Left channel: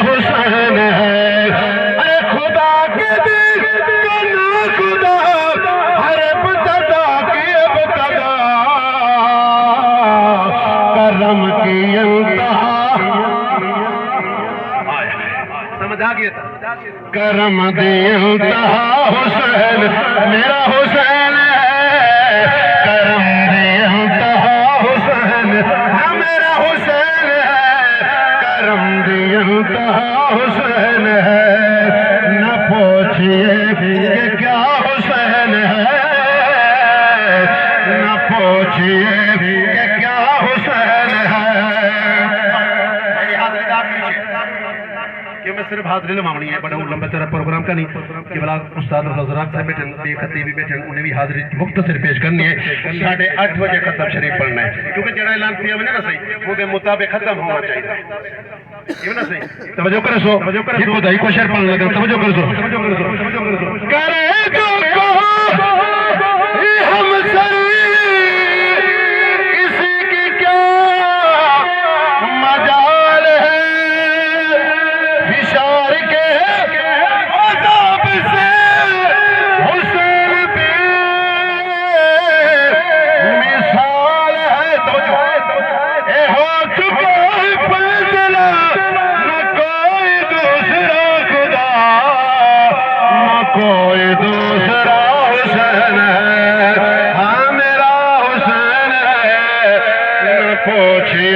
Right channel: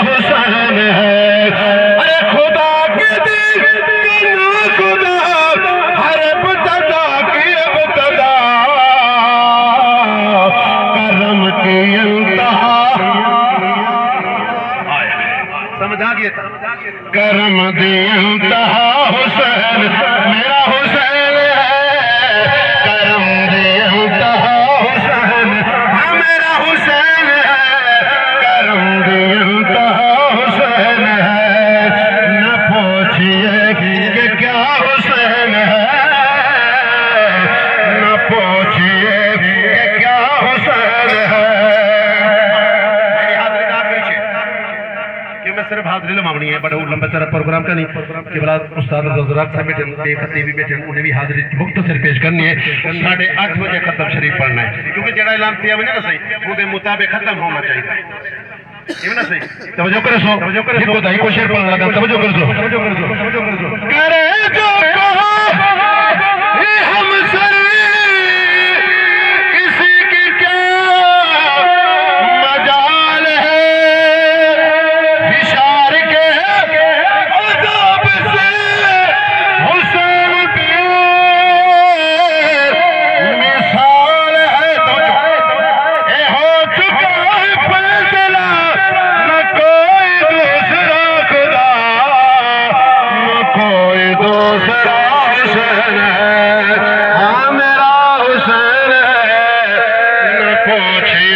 हुसैन है। अरे खुदा के दिल का ना खुदा, हर इब्तिदा की इब्तिदा, करम की इंतहा। समझ आ गया था? करम दी इंतहा हुसैन, मेरा हुसैन है। करम दी इंतहा हुसैन, हाँ मेरा हुसैन है। करम दी इंतहा हुसैन है। न पूछिए कि क्या हुसैन है, न पूछिए कि क्या हुसैन है। कि मैं सिर्फ हाजिरी लवानी है, बड़ा लंबा सारा प्रोग्राम का नहीं कि बला उस्ताद रोज़रात साहब बैठे, बेखती भी बैठे, उन्हें भी हाजिरी मुख्तसर पेश करनी है। 8:30 बजे खत्म शरीफ पढ़ना है, क्योंकि जड़ा ऐलान किया मैंने ना सही वो मुताबिक खत्म होना चाहिए ना सही। तवज्जो करो सो, ये बताइए को शेर पढ़ने लगा, तवज्जो कर सो। करे जो कहो ये हम सर किसी की क्या मजाल है। इशार के अज़ाब से हुसैन भी मिसाल है। ए हो चुका है फैसला, न कोई दूसरा खुदा, न कोई दूसरा हुसैन है। हाँ मेरा हुसैन है। न पूछिए